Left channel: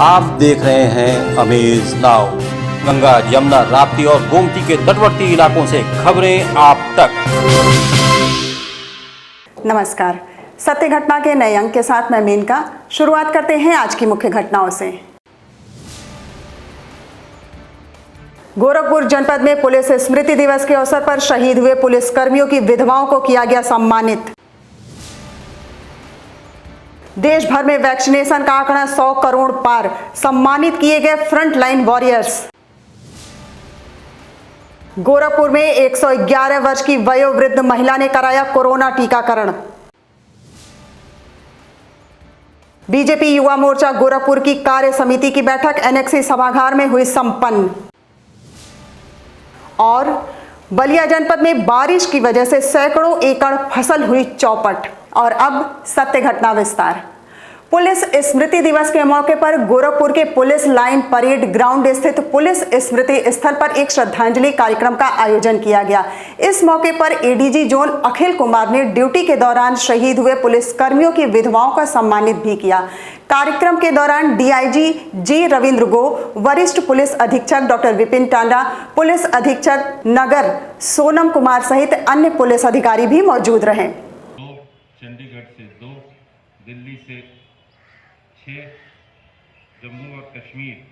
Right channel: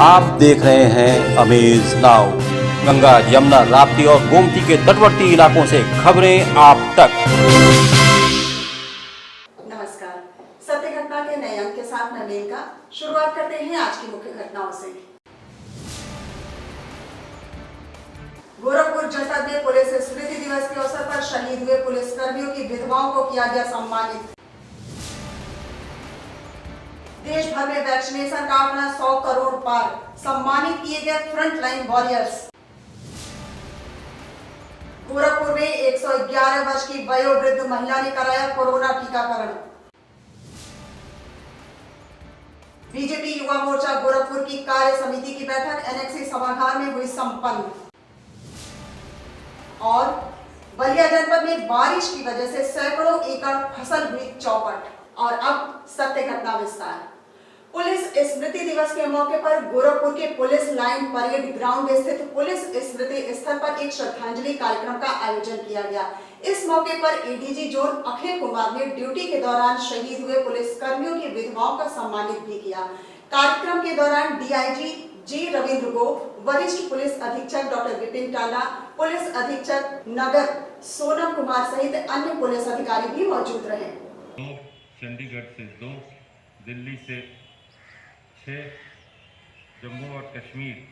आप देख रहे हैं अमेज नाउ। गंगा, यमुना, राप्ती और गोमती के तटवर्ती इलाकों से खबरें आप तक। नमस्कार, सत्य घटना के नए अंक के साथ मैं मेनका। शुरुआत करते हैं आज की मुख्य घटनाओं से। गोरखपुर जनपद में पुलिस स्मृति दिवस के अवसर पर शहीद हुए पुलिस कर्मियों की विधवाओं को किया गया सम्मानित। देश भर में वैक्सीनेशन का आंकड़ा 100 करोड़ पार, सम्मानित किए गए फ्रंटलाइन वॉरियर्स। गोरखपुर में 111 वर्ष की वयोवृद्ध महिला ने कराया कोरोना टीकाकरण। बीजेपी युवा मोर्चा गोरखपुर की कार्य समिति की बैठक एनेक्सी सभागार में हुई संपन्न। और बलिया जनपद में बारिश की वजह से सैकड़ों एकड़ फसल हुई चौपट। और अब सत्य घटना विस्तार। पुलिस स्मृति दिवस के मौके पर गोरखपुर के पुलिस लाइन परेड ग्राउंड स्थित पुलिस स्मृति स्थल पर एक श्रद्धांजलि कार्यक्रम का आयोजन किया गया। इस मौके पर एडीजी जोन अखिल कुमार ने ड्यूटी के दौरान शहीद हुए पुलिस कर्मियों की विधवाओं का सम्मानित भी किया। कार्यक्रम के दौरान डीआईजी जी रविंद्र गो, वरिष्ठ पुलिस अधीक्षक डॉक्टर विपिन टांडा, पुलिस अधीक्षक नगर सोनम कुमार सहित अन्य पुलिस अधिकारी भी मौजूद रहे। चंडीगढ़ से 2, दिल्ली से 6, जम्मू और कश्मीर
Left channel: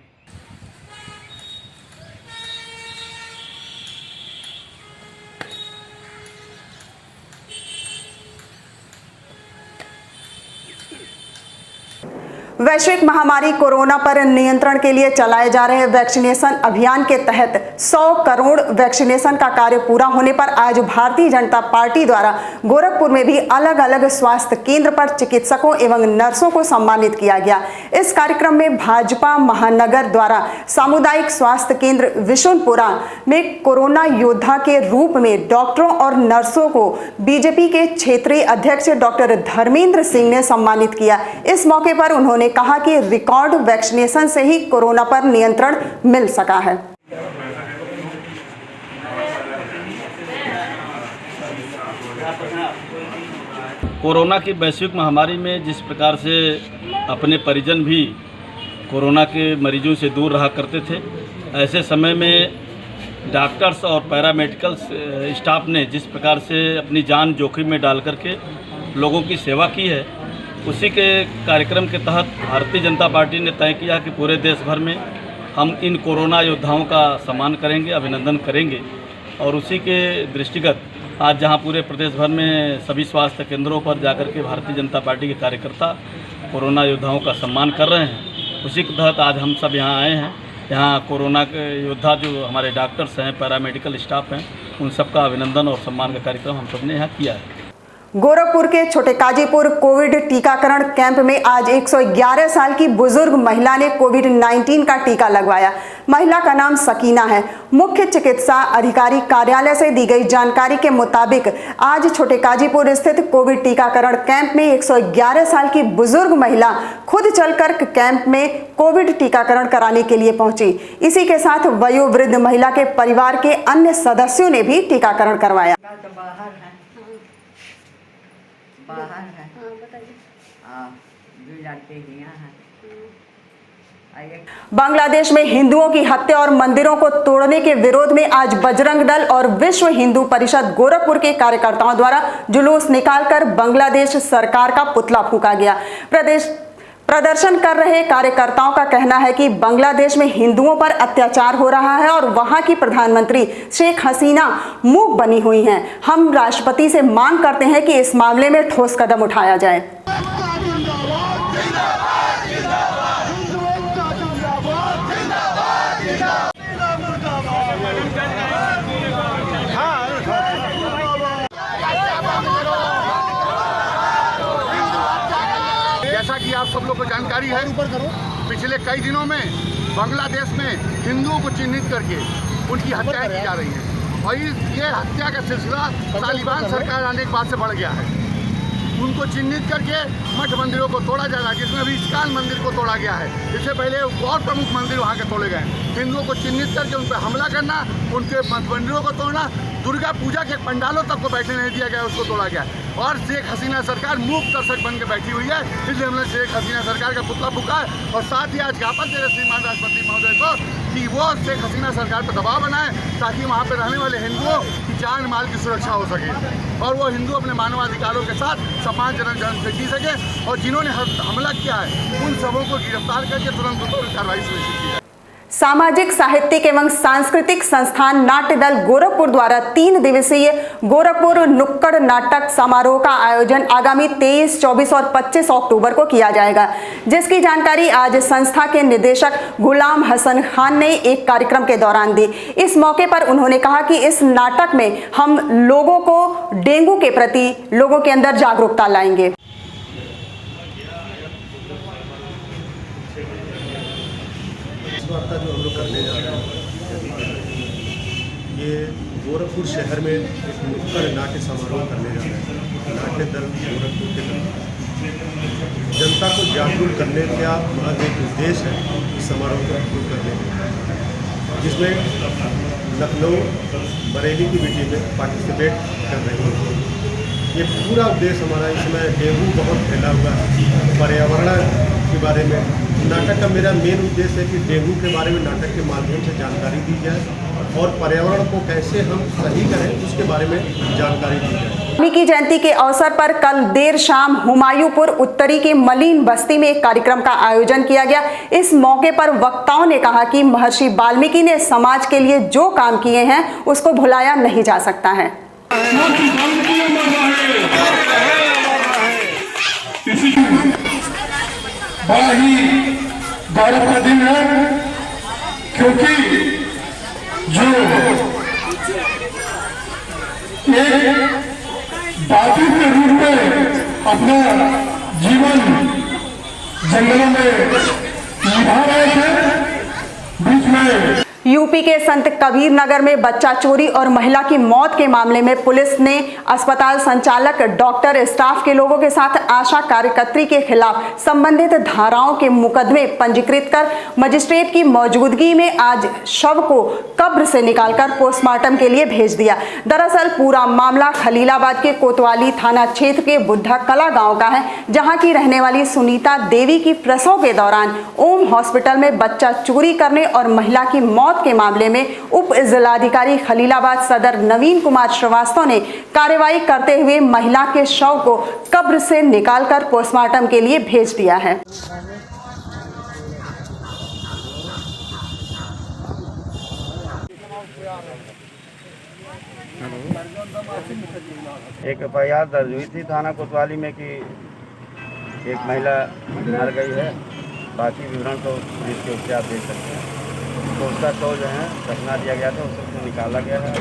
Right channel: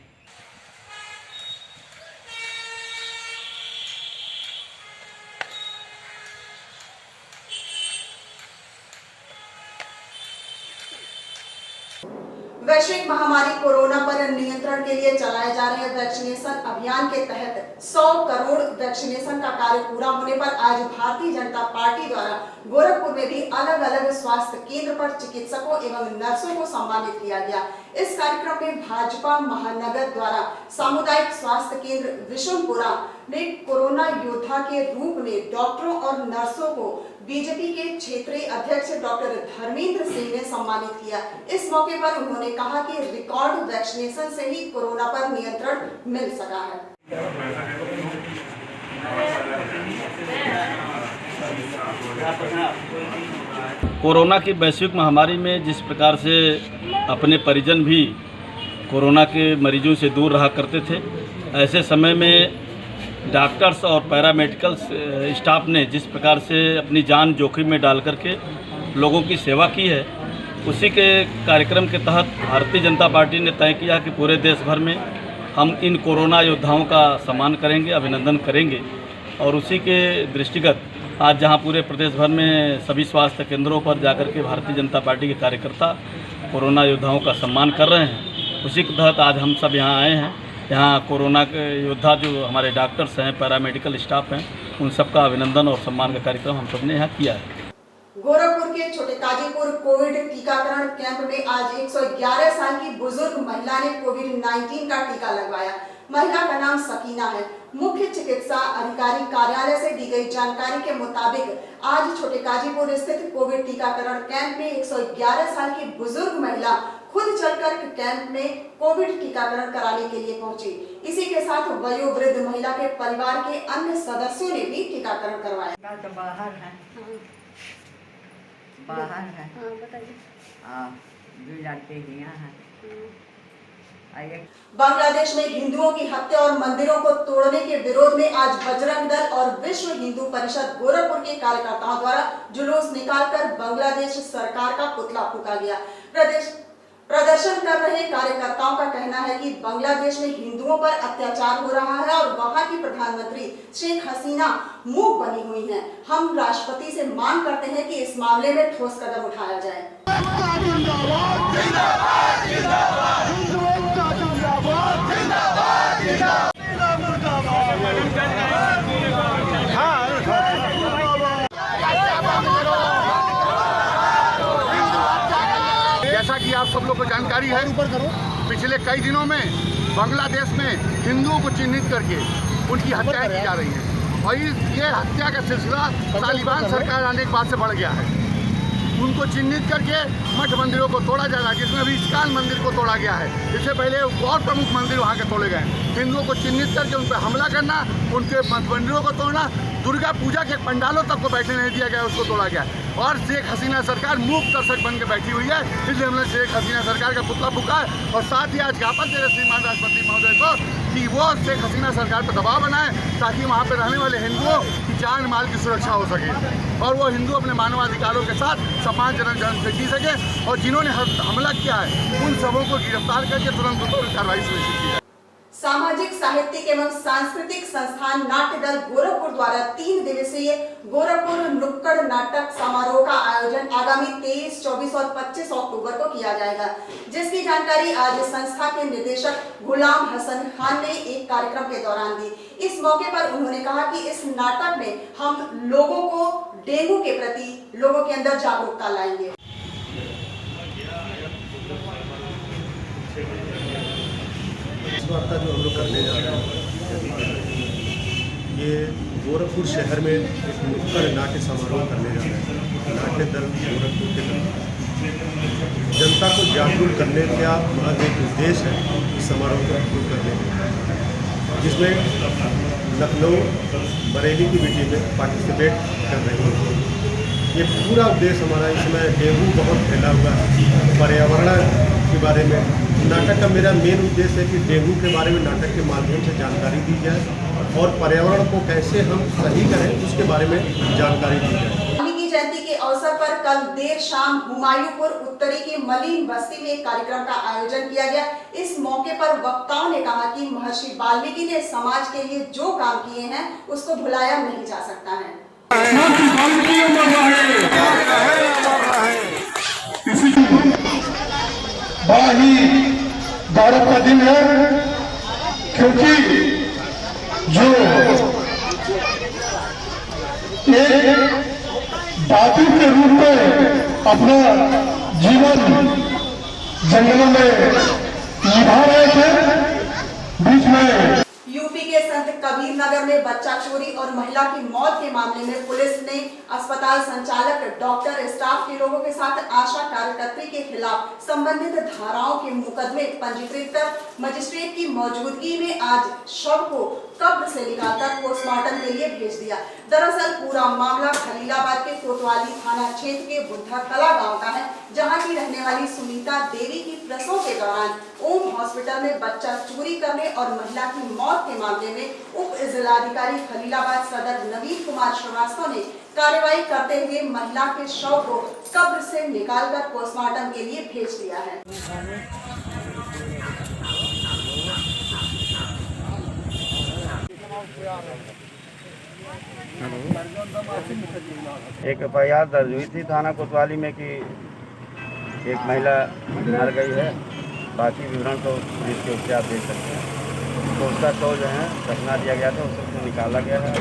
वैश्विक महामारी कोरोना पर नियंत्रण के लिए चलाए जा रहे वैक्सीनेशन अभियान के तहत 100 करोड़ वैक्सीनेशन का कार्य पूरा होने पर आज भारतीय जनता पार्टी द्वारा गोरखपुर में भी अलग अलग स्वास्थ्य केंद्र पर चिकित्सकों एवं नर्सों को सम्मानित किया गया। इस कार्यक्रम में भाजपा महानगर द्वारा सामुदायिक स्वास्थ्य केंद्र विशुनपुरा में कोरोना योद्धा के रूप में डॉक्टरों और नर्सों को बीजेपी के क्षेत्रीय अध्यक्ष डॉक्टर धर्मेंद्र सिंह ने सम्मानित किया। इस मौके पर उन्होंने कहा कि रिकॉर्ड वैक्सीनेशन से ही कोरोना पर नियंत्रण मिल सका है। कोरोना की वैश्विक महामारी में जिस प्रकार से अपने परिजन भी कोरोना के मरीजों से दूर रहा करते थे, ऐसे समय में डॉक्टर्स और पैरामेडिकल स्टाफ ने जिस प्रकार से अपनी जान जोखिम में डाल करके लोगों की सेवा की है, उसी के कार्यक्रम के तहत भारतीय जनता पार्टी ने तय किया कि पूरे देश भर में हम इन कोरोना योद्धाओं का सम्मान करेंगे, अभिनंदन करेंगे। और उसी के दृष्टिगत आज जहां पूरे प्रदेश भर में सभी स्वास्थ्य केंद्रों पर जाकर के भारतीय जनता पार्टी के कार्यकर्ता कोरोना योद्धाओं का सम्मान कर रहे हैं, उसी के तहत आज हम सब यहाँ आए हैं। यहाँ कोरोना के योद्धा जो हमारे डॉक्टर्स हैं, पैरामेडिकल स्टाफ हैं, उन सबका अभिनंदन और सम्मान का कार्यक्रम हम सब ने यहाँ किया है। गोरखपुर के छोटे काजीपुर कोविड टीकाकरण कैंप में आज 111 साल की बुजुर्ग महिला ने कोविड-19 का टीका लगवाया। महिला का नाम सकीना है। मुख्य चिकित्सा अधिकारी कार्यालय से दी गई जानकारी के मुताबिक आज छोटे काजीपुर स्थित कोविड टीकाकरण कैंप में 111 साल की बुजुर्ग महिला खुद चलकर कैंप में कोविड टीकाकरण कराने के लिए पहुंची। इसी के साथ वयोवृद्ध महिला के परिवार के अन्य सदस्यों ने भी टीकाकरण करवाया। बाहर है। बताइए। बांग्लादेश में हिंदुओं की हत्या और मंदिरों को तोड़ने के विरोध में आज बजरंग दल और विश्व हिंदू परिषद गोरखपुर के कार्यकर्ताओं द्वारा जुलूस निकालकर बांग्लादेश सरकार का पुतला फूंका गया। प्रदर्शन कर रहे कार्यकर्ताओं का कहना है कि बांग्लादेश में हिंदुओं पर अत्याचार हो रहा है और वहां की प्रधानमंत्री शेख हसीना मूक बनी हुई हैं। हम राष्ट्रपति से मांग करते हैं कि इस मामले में ठोस कदम उठाया जाए। जैसा कि आप सब लोग को जानकारी है, पिछले कई दिनों में बांग्लादेश में हिंदुओं को चिन्हित करके उनकी हत्याएं की जा रही हैं और ये हत्या का सिलसिला तालिबान सरकार आने के बाद से बढ़ गया है। उनको चिन्हित करके मठ मंदिरों को तोड़ा जा रहा है, जिसमें अभी इस्कान मंदिर को तोड़ा गया है। इससे पहले और प्रमुख मंदिर वहाँ के तोड़े गए। हिंदुओं को चिन्हित करके उन पर हमला करना, उनके मठ मंदिरों को तोड़ना, दुर्गा पूजा के पंडालों तक को बैठने नहीं दिया गया, उसको तोड़ा गया। और शेख हसीना सरकार मूक दर्शक बन के बैठी हुई है, इसलिए हमने शेख हसीना सरकार का पुतला फूका है। और साथ ही आज ज्ञापन दे रहे श्रीमान राष्ट्रपति महोदय को कि वो शेख हसीना सरकार पर दबाव बनाए, ताकि वहाँ पर रहने वाले हिंदुओं की जान माल की सुरक्षा हो सके और वो हिंदू अपने मानवाधिकारों के साथ सम्मानजनक जन्म से जी सके। और जिन्होंने हमला किया है उन सबों को गिरफ्तार करके तुरंत उन पर कार्रवाई सुनिश्चित की जाए। सामाजिक, साहित्यिक एवं सांस्कृतिक संस्थान नाट्य दल गोरखपुर द्वारा 3 दिवसीय गोरखपुर नुक्कड़ नाटक समारोह का आयोजन आगामी 23, 24 और 25 अक्टूबर को किया जाएगा, जिसकी जानकारी आज संस्था के निदेशक गुलाम हसन खान ने एक कार्यक्रम के दौरान दी। इस मौके पर उन्होंने कहा कि इस नाटक में हम लोगों को डेंगू के प्रति लोगों के अंदर जागरूकता लाएंगे। वार्ता जो हम लोग करने जा रहे हैं, ये गोरखपुर शहर में एक नुक्कड़ नाट्य समारोह करने जा रहे हैं। नाट्य दल गोरखपुर के तरफ जनता को जागरूक करने का महज एक उद्देश्य है इस समारोह को करने का, जिसमें लखनऊ बरेली की बेटी में पार्टिसिपेट कर रही है। ये पूरा उद्देश्य हमारा, इसमें डेंगू बहुत फैला हुआ है, पर्यावरण के बारे में नाटक का मेरा मेन उद्देश्य है कि डेंगू के बारे में नाटक के माध्यम से जानकारी दी जाए और पर्यावरण को कैसे हम सही करें उसके बारे में जानकारी दी जाए। वाल्मीकि जयंती के अवसर पर कल देर शाम हुमायूंपुर उत्तरी के मलिन बस्ती में एक कार्यक्रम का आयोजन किया गया। इस मौके पर वक्ताओं ने कहा कि महर्षि वाल्मीकि ने समाज के लिए जो काम किए हैं उसको भुलाया नहीं जा सकता है। बड़ा ही गौरव का दिन है, क्योंकि जो एक बापू के रूप में अपना जीवन जंगलों में निभा रहे थे, बीच में यूपी के संत कबीर नगर में बच्चा चोरी और महिला की मौत के मामले में पुलिस ने अस्पताल संचालक, डॉक्टर, स्टाफ के लोगों के साथ आशा कार्यकर्त्री के खिलाफ संबंधित धाराओं के मुकदमे पंजीकृत कर मजिस्ट्रेट की मौजूदगी में आज शव को कब्र से निकालकर पोस्टमार्टम के लिए भेज दिया। दरअसल पूरा मामला खलीलाबाद के कोतवाली थाना क्षेत्र के बुद्धा कला गाँव का है, जहाँ की रहने वाली सुनीता देवी की प्रसव के दौरान ओम हॉस्पिटल में बच्चा चोरी करने और महिला की मौत के मामले में उप जिलाधिकारी खलीलाबाद सदर नवीन कुमार श्रीवास्तव ने कार्रवाई करते हुए महिला के शव को कब्र से निकालकर पोस्टमार्टम के लिए भेज दिया है। एक एफआईआर दर्ज हुई थी थाना कोतवाली में कि एक महिला मर गई है। बाकी विवरण तो पुलिस के उससे आप देख सकते हैं। तो उसका शव जो है दफना दिया गया था, उसको निकाला गया है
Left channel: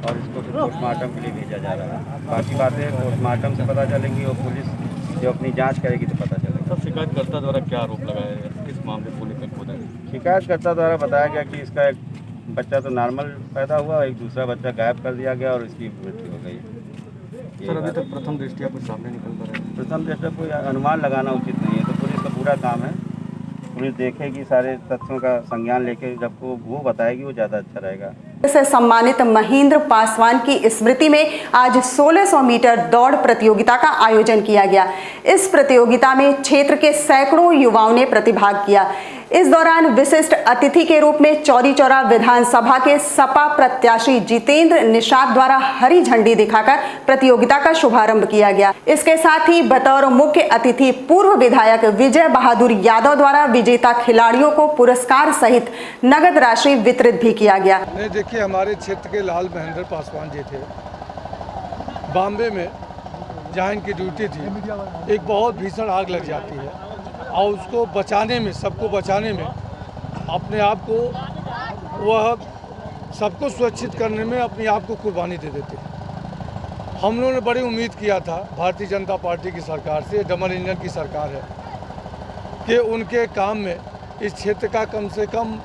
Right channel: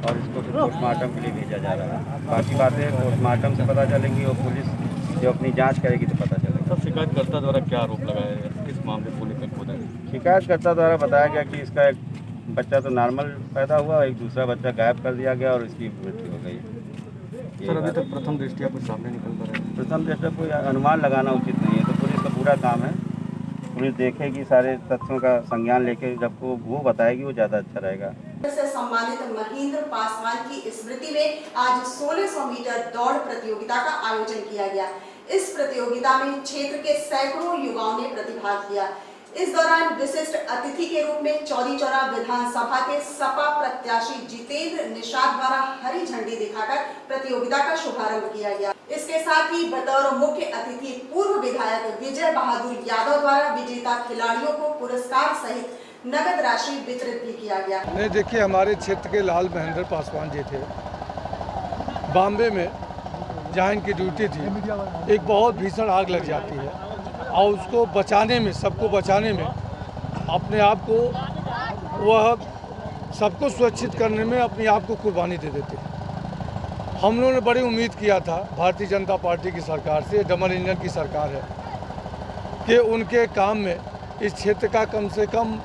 और इसको फिर पोस्टमार्टम के लिए भेजा जा रहा है। बाकी बातें पोस्टमार्टम से पता चलेंगी और पुलिस जो अपनी जांच करेगी तो पता चलेगा। सब शिकायतकर्ता द्वारा क्या आरोप लगाया गया, किस मामले को लेकर खोदा है? शिकायतकर्ता द्वारा बताया गया कि इसका एक बच्चा तो नॉर्मल पैदा हुआ, एक दूसरा बच्चा गायब कर दिया गया और इसकी मृत्यु हो गई। सर अभी तक प्रथम दृष्टया कुछ सामने निकल कर रहा है? प्रथम दृष्टया कोई अनुमान लगाना उचित नहीं है, तो पुलिस का पूरा काम है। पुलिस देखेगी, सारे तथ्यों का संज्ञान लेके जब वो बताएगी वो ज़्यादा अच्छा रहेगा। से सम्मानित महेंद्र पासवान की स्मृति में आज 1600 मीटर दौड़ प्रतियोगिता का आयोजन किया गया। इस प्रतियोगिता में क्षेत्र के सैकड़ों युवाओं ने प्रतिभाग किया। इस दौरान विशिष्ट अतिथि के रूप में चौरी चौरा विधानसभा के सपा प्रत्याशी जितेंद्र निषाद द्वारा हरी झंडी दिखाकर प्रतियोगिता का शुभारंभ किया गया। इसके साथ ही बतौर मुख्य अतिथि पूर्व विधायक विजय बहादुर यादव द्वारा विजेता खिलाड़ियों को पुरस्कार सहित नगद राशि वितरित भी किया गया। देखिए, हमारे क्षेत्र के लाल महेंद्र पासवान जी थे, बॉम्बे में जहाँ इनकी ड्यूटी थी, एक बहुत भीषण आग लग जाती है और उसको बचाने में, सबको बचाने में, अपने आप को, वह सबको सुरक्षित करने में अपने आप को कुर्बानी दे देते हैं। हम लोगों ने बड़ी उम्मीद किया था भारतीय जनता पार्टी की सरकार से, डबल इंजन की सरकार है, कि उनके काम में इस क्षेत्र का कम से कम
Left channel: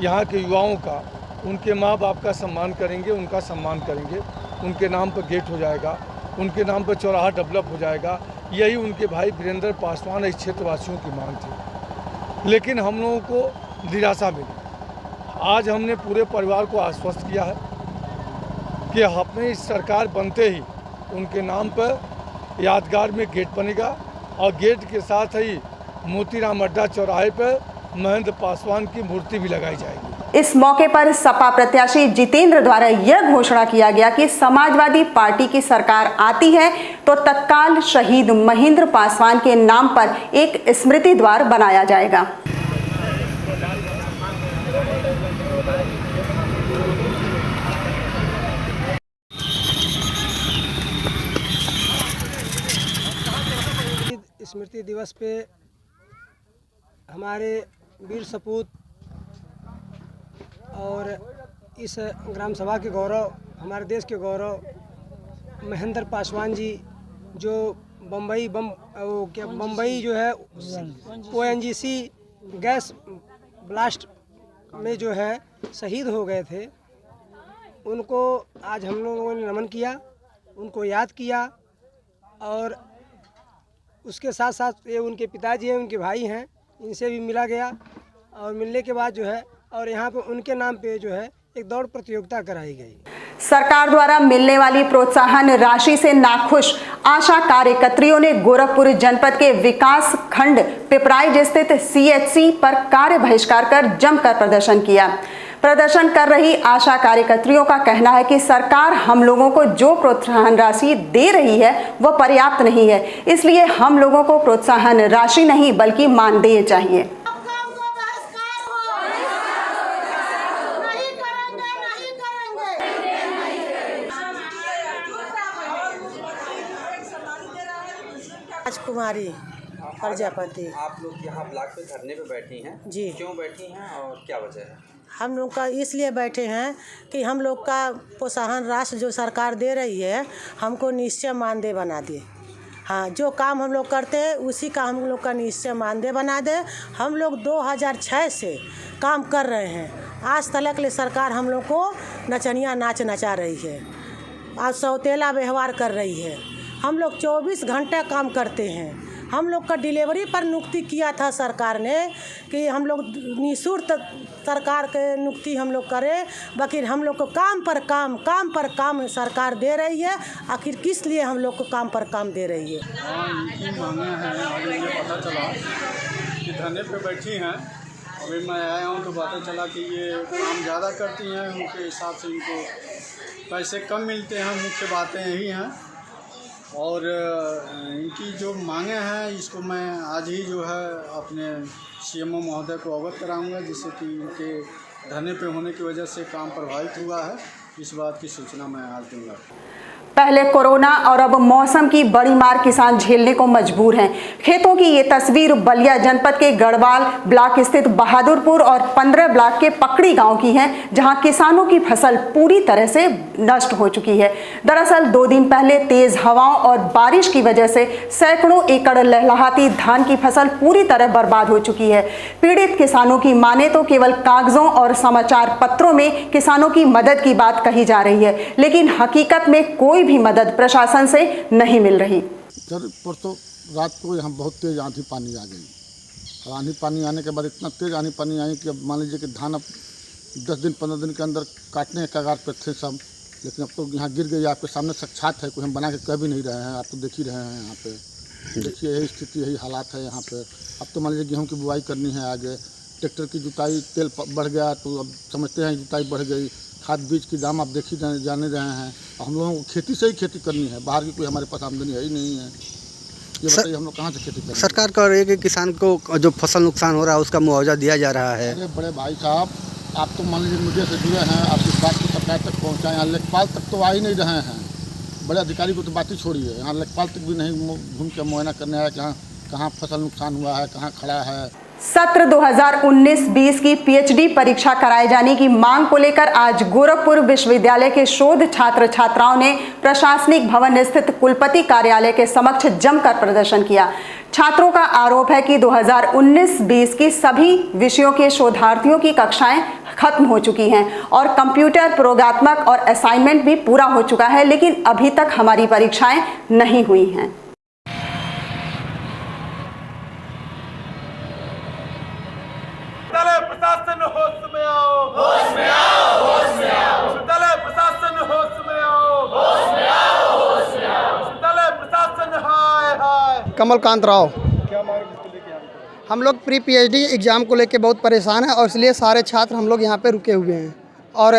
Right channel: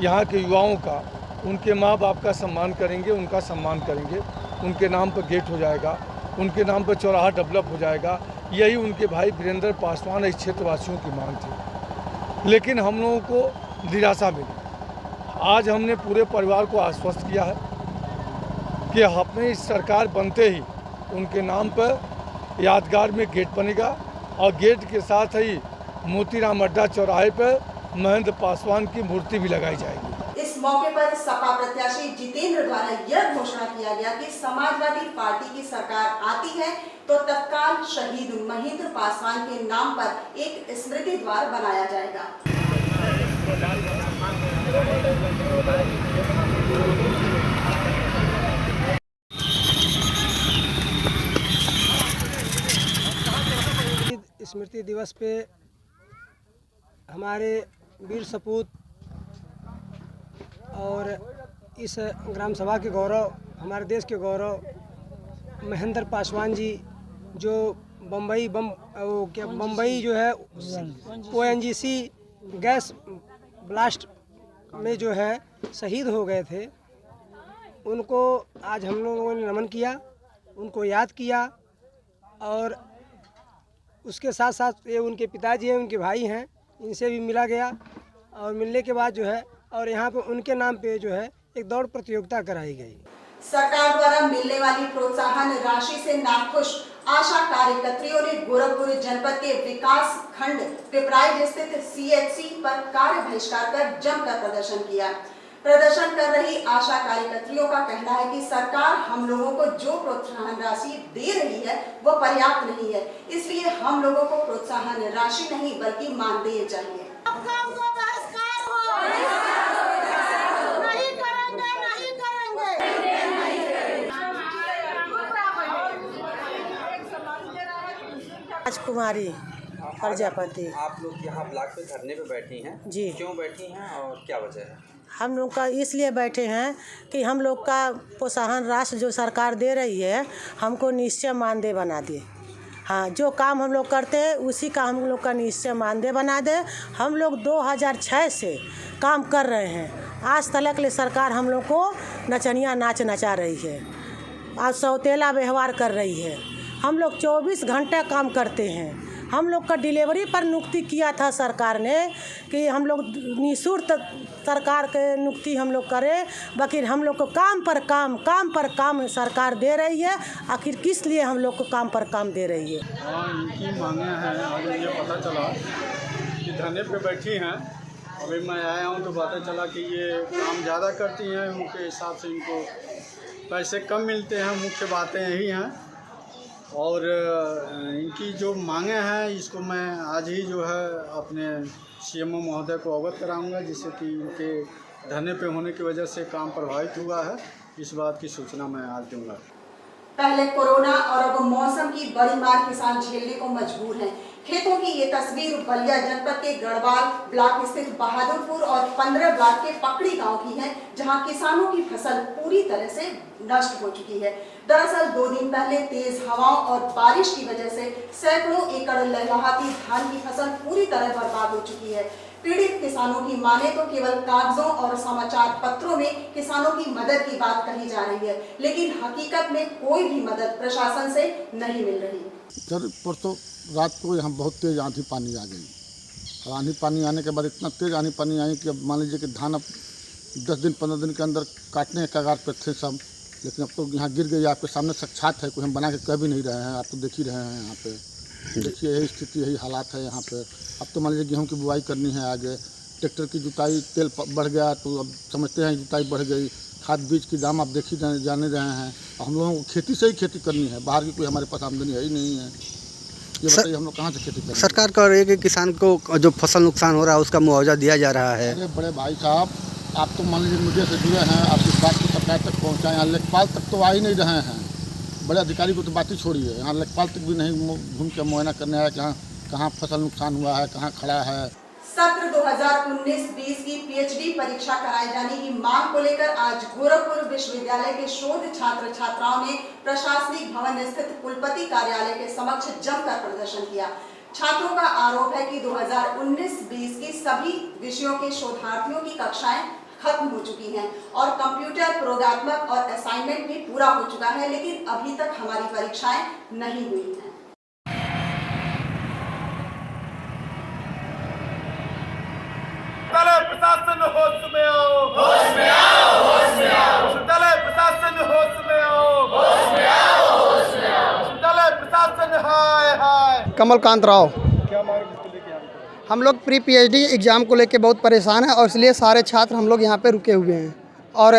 यहाँ के युवाओं का, उनके माँ बाप का सम्मान करेंगे, उनका सम्मान करेंगे, उनके नाम पर गेट हो जाएगा उनके नाम पर चौराहा डेवलप हो जाएगा। यही उनके भाई वीरेंद्र पासवान इस क्षेत्रवासियों की मांग थी, लेकिन हम लोगों को निराशा मिली। आज हमने पूरे परिवार को आश्वस्त किया है कि अपनी सरकार बनते ही उनके नाम पर यादगार में गेट बनेगा और गेट के साथ ही मोतीराम अड्डा चौराहे पर महेंद्र पासवान की मूर्ति भी लगाई जाएगी। इस मौके पर सपा प्रत्याशी जितेंद्र द्वारा यह घोषणा किया गया कि समाजवादी पार्टी की सरकार आती है तो तत्काल शहीद महेंद्र पासवान के नाम पर एक स्मृति द्वार बनाया जाएगा। स्मृति दिवस पे हमारे वीर सपूत और इस ग्राम सभा के गौरव, हमारे देश के गौरव महेंद्र पासवान जी जो बम्बई जो है ONGC गैस ब्लास्ट में जो है शहीद हो गए थे, उनको आज हम लोगों ने नमन किया, उनको याद किया। और उसके साथ साथ ये उनके पिताजी हैं, उनके भाई हैं, इनसे भी मिला गया। और मिलने के बाद जो है और यहाँ पे उनके नाम पे जो है एक दौड़ प्रतियोगिता कराई गई। सरकार द्वारा मिलने वाली प्रोत्साहन राशि से नाखुश आशा कार्यकर्त्रियों ने गोरखपुर जनपद के विकास खंड पिपराइच स्थित CHC पर कार्य बहिष्कार कर जमकर प्रदर्शन किया। प्रदर्शन कर रही आशा कार्यकर्त्रियों का कहना है कि सरकार हम लोगों को जो प्रोत्साहन राशि दे रही है वह पर्याप्त नहीं है, इसलिए हम लोगों को प्रोत्साहन राशि नहीं बल्कि मानदेय चाहिए। राजकुमारी प्रजापति। आप लोग यहाँ ब्लॉक पे धरने पे बैठी हैं जी, क्यों बैठी हैं और क्या वजह है? हम लोग का इसलिए बैठे हैं कि हम लोग का प्रोत्साहन राशि जो सरकार दे रही है हमको निश्चय मानदेय बना दे। हाँ, जो काम हम लोग करते हैं उसी का हम लोग का निश्चय मानदेय बना दे। हम लोग 2006 से काम कर रहे हैं, आज तक ले सरकार हम लोग को नचनिया नाच नचा रही है, आज सौतेला व्यवहार कर रही है। हम लोग 24 घंटे काम करते हैं। हम लोग का डिलीवरी पर नियुक्ति किया था सरकार ने कि हम लोग निःशुल्क सरकार के नियुक्ति हम लोग करें, बाकी हम लोग को काम पर काम सरकार दे रही है। आखिर किस लिए हम लोग को काम पर काम दे रही है? हाँ, इनकी मांगे हैं। आज मुझे पता चला कि धरने पे बैठी हैं, अभी मैं आया हूँ तो पता चला कि ये काम ज़्यादा करती हैं, उनके हिसाब से इनको पैसे कम मिलते हैं। मुख्य बातें यही हैं और इनकी जो मांगे हैं इसको मैं आज ही जो है अपने CMO महोदय को अवगत कराऊंगा, जिससे कि इनके धरने पे होने की वजह से काम प्रभावित हुआ है, इस बात की सूचना मैं आज दूंगा। पहले कोरोना और अब मौसम की बड़ी मार किसान झेलने को मजबूर हैं। खेतों की ये तस्वीर बलिया जनपद के गढ़वाल ब्लॉक स्थित बहादुरपुर और 15 ब्लॉक के पकड़ी गांव की है, जहां किसानों की फसल पूरी तरह से नष्ट हो चुकी है। दरअसल 2 दिन पहले तेज हवाओं और बारिश की वजह से सैकड़ों एकड़ लहलहाती धान की फसल पूरी तरह बर्बाद हो चुकी है। पीड़ित किसानों की माने तो केवल कागजों और समाचार पत्रों में किसानों की मदद की बात कही जा रही है, लेकिन हकीकत में कोई भी मदद प्रशासन से नहीं मिल रही। सर, परसों रात को यहाँ बहुत तेज आंधी पानी आ गई और आंधी पानी आने के बाद इतना तेज आंधी पानी आई कि अब मान लीजिए कि धान अब 10 दिन 15 दिन के अंदर काटने के कगार पर थे सब, लेकिन अब तो यहाँ गिर गई। आपके सामने साक्षात है, कोई हम बना के कह भी नहीं रहे हैं, आप तो देख ही रहे हैं। यहाँ पे देखिए यही स्थिति, यही हालात है यहाँ पे। अब तो मान लीजिए गेहूँ की बुआई करनी है, आगे ट्रैक्टर की जुताई, तेल बढ़ गया तो अब समझते हैं जुताई बढ़ गई। खाद बीज की दाम आप देख ही जाने रहे हैं। हम लोगों को खेती से ही खेती करनी है, बाहर की कोई हमारे पास आमदनी है ही नहीं है। ये बताइए हम लोग कहाँ से खेती करें? सरकार कह रही है कि किसान को जो फसल नुकसान हो रहा है उसका मुआवजा दिया जा रहा है। अरे बड़े भाई साहब, आप तो मान लीजिए मीडिया से जुड़े हैं, आप इस बात को सरकार तक पहुँचाएँ। यहाँ लेखपाल तक तो आ ही नहीं रहे हैं, बड़े अधिकारी को तो बात ही छोड़िए, यहाँ लेखपाल तक भी नहीं घूम के मुआयना करने आया कि कहाँ फसल नुकसान हुआ है, कहाँ खड़ा है। सत्र 2019-20 की PhD परीक्षा कराए जाने की मांग को लेकर आज गोरखपुर विश्वविद्यालय के शोध छात्र छात्राओं ने प्रशासनिक भवन स्थित कुलपति कार्यालय के समक्ष जमकर प्रदर्शन किया। छात्रों का आरोप है कि 2019-20 की सभी विषयों के शोधार्थियों की कक्षाएं खत्म हो चुकी हैं और कंप्यूटर प्रोग्रात्मक और असाइनमेंट भी पूरा हो चुका है, लेकिन अभी तक हमारी परीक्षाएं नहीं हुई हैं। प्रशासन होश में आओ, होश में आओ, होश में आओ। विश्वविद्यालय प्रशासन होश में आओ, होश में आओ, होश में आओ। विश्वविद्यालय प्रशासन हाय हाय। कमलकांत राव। क्या मांग इसको लेके हम लोग प्री पीएचडी एग्ज़ाम को लेके बहुत परेशान हैं और इसलिए सारे छात्र हम लोग यहाँ पे रुके हुए हैं। और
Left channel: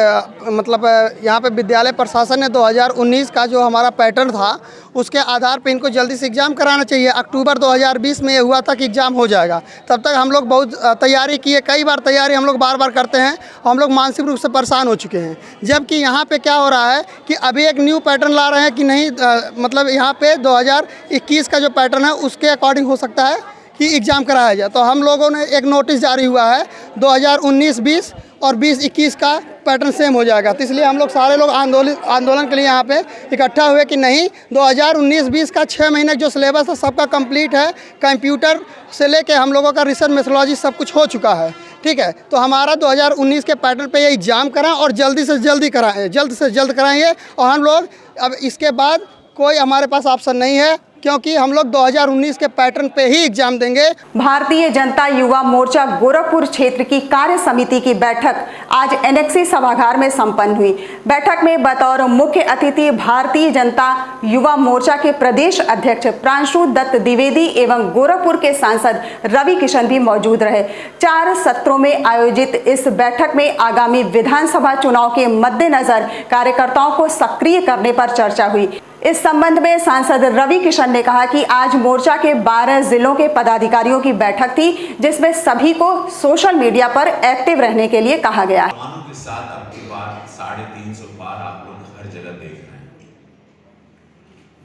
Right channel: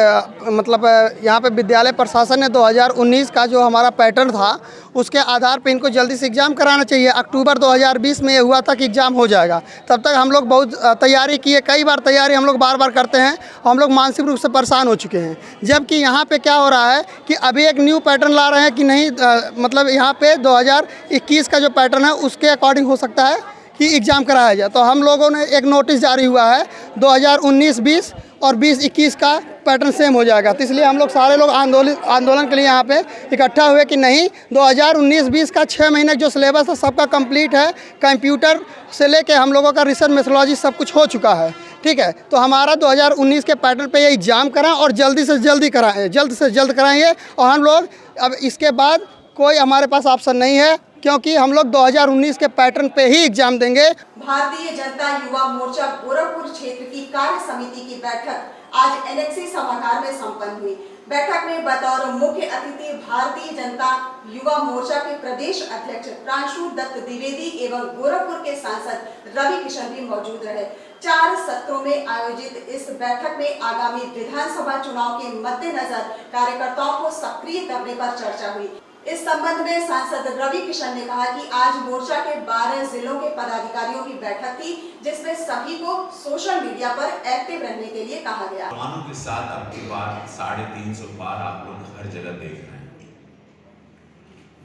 मतलब यहाँ पे विद्यालय प्रशासन ने 2019 का जो हमारा पैटर्न था उसके आधार पे इनको जल्दी से एग्ज़ाम कराना चाहिए। अक्टूबर 2020 में ये हुआ था कि एग्ज़ाम हो जाएगा, तब तक हम लोग बहुत तैयारी किए, कई बार तैयारी हम लोग बार करते हैं, हम लोग मानसिक रूप से परेशान हो चुके हैं। जबकि यहाँ पे क्या हो रहा है कि अभी एक न्यू पैटर्न ला रहे हैं कि नहीं, मतलब यहाँ पे 2021 का जो पैटर्न है उसके अकॉर्डिंग हो सकता है कि एग्ज़ाम कराया जाए। तो हम लोगों ने एक नोटिस जारी हुआ है 2019-20 और 20-21 का पैटर्न सेम हो जाएगा। तो इसलिए हम लोग सारे लोग आंदोलन के लिए यहाँ पे इकट्ठा हुए कि नहीं, 2019-20 का 6 महीने जो सिलेबस है सबका कंप्लीट है, कंप्यूटर से लेके हम लोगों का रिसर्च मेथोडोलॉजी सब कुछ हो चुका है, ठीक है। तो हमारा 2019 के पैटर्न पे ये एग्ज़ाम कराएं और जल्दी से जल्द कराएंगे। और हम लोग अब इसके बाद कोई हमारे पास ऑप्शन नहीं है, क्योंकि हम लोग 2019 के पैटर्न पे ही एग्जाम देंगे। भारतीय जनता युवा मोर्चा गोरखपुर क्षेत्र की कार्य समिति की बैठक आज एनेक्सी सभागार में संपन्न हुई। बैठक में बतौर मुख्य अतिथि भारतीय जनता युवा मोर्चा के प्रदेश अध्यक्ष प्रांशु दत्त द्विवेदी एवं गोरखपुर के सांसद रवि किशन भी मौजूद रहे। 4 सत्रों में आयोजित इस बैठक में आगामी विधानसभा चुनाव के मद्देनजर कार्यकर्ताओं को सक्रिय करने पर चर्चा हुई। इस संबंध में सांसद रवि किशन ने कहा कि आज मोर्चा के 12 जिलों के पदाधिकारियों की बैठक थी, जिसमें सभी को सोशल मीडिया पर एक्टिव रहने के लिए कहा गया है। नौजवानों के साथ अब की बार 350 पार आप लोग हर जगह देख रहे हैं।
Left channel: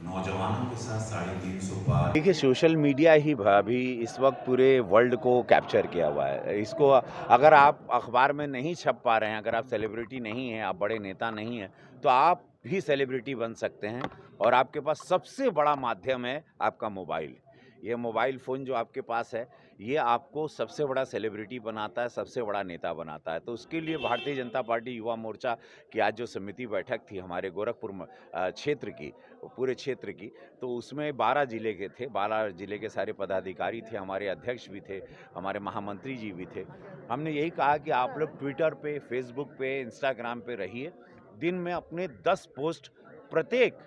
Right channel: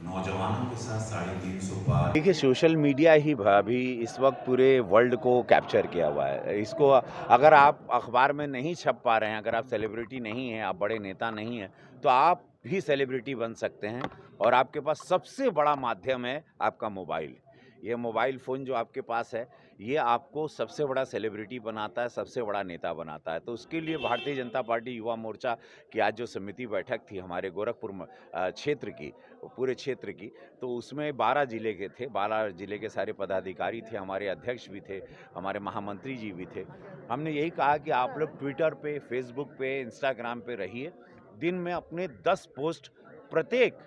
नौजवानों के साथ 350 पार। देखिए, सोशल मीडिया ही अभी इस वक्त पूरे वर्ल्ड को कैप्चर किया हुआ है। इसको अगर आप अखबार में नहीं छप पा रहे हैं, अगर आप सेलिब्रिटी नहीं हैं, आप बड़े नेता नहीं हैं, तो आप भी सेलिब्रिटी बन सकते हैं। और आपके पास सबसे बड़ा माध्यम है आपका मोबाइल। ये मोबाइल फ़ोन जो आपके पास है, ये आपको सबसे बड़ा सेलिब्रिटी बनाता है, सबसे बड़ा नेता बनाता है। तो उसके लिए भारतीय जनता पार्टी युवा मोर्चा की आज जो समिति बैठक थी हमारे गोरखपुर क्षेत्र की, पूरे क्षेत्र की, तो उसमें 12 जिले के थे, 12 जिले के सारे पदाधिकारी थे, हमारे अध्यक्ष भी थे, हमारे महामंत्री जी भी थे। हमने यही कहा कि आप लोग ट्विटर पे, फेसबुक पे, इंस्टाग्राम पे रहिए। दिन में अपने 10 पोस्ट प्रत्येक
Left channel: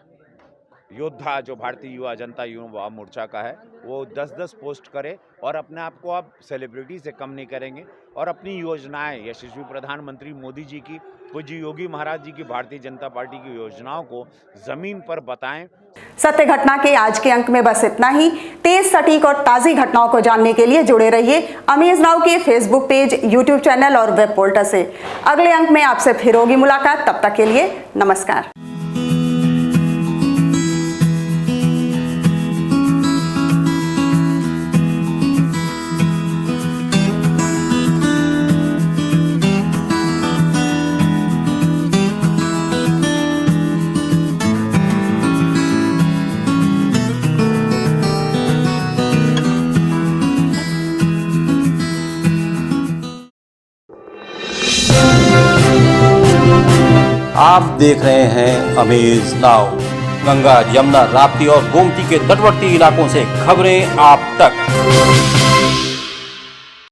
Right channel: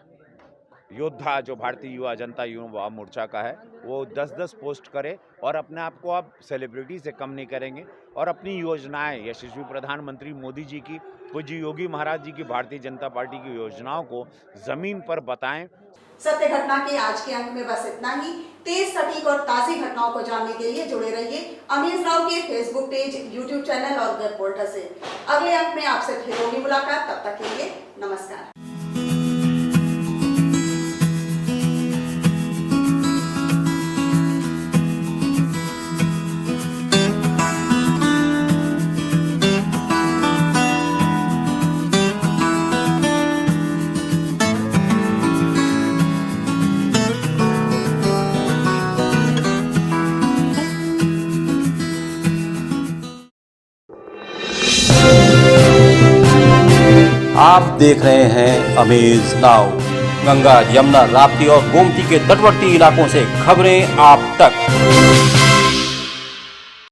योद्धा जो भारतीय युवा जनता युवा मोर्चा का है वो 10-10 पोस्ट करे और अपने आप को आप सेलिब्रिटी से कम नहीं करेंगे। और अपनी योजनाएं, यशस्वी प्रधानमंत्री मोदी जी की, पूज्य योगी महाराज जी की, भारतीय जनता पार्टी की योजनाओं को ज़मीन पर बताएं। सत्य घटना के आज के अंक में बस इतना ही। तेज, सटीक और ताज़ी घटनाओं को जानने के लिए जुड़े रहिए अमेज नाउ के फेसबुक पेज, यूट्यूब चैनल और वेब पोर्टल से। अगले अंक में आपसे फिर होगी मुलाकात, तब तक के लिए नमस्कार। आप देख रहे हैं अमेज नाउ। गंगा, यमुना, राप्ती और गोमती के तटवर्ती इलाकों से खबरें आप तक।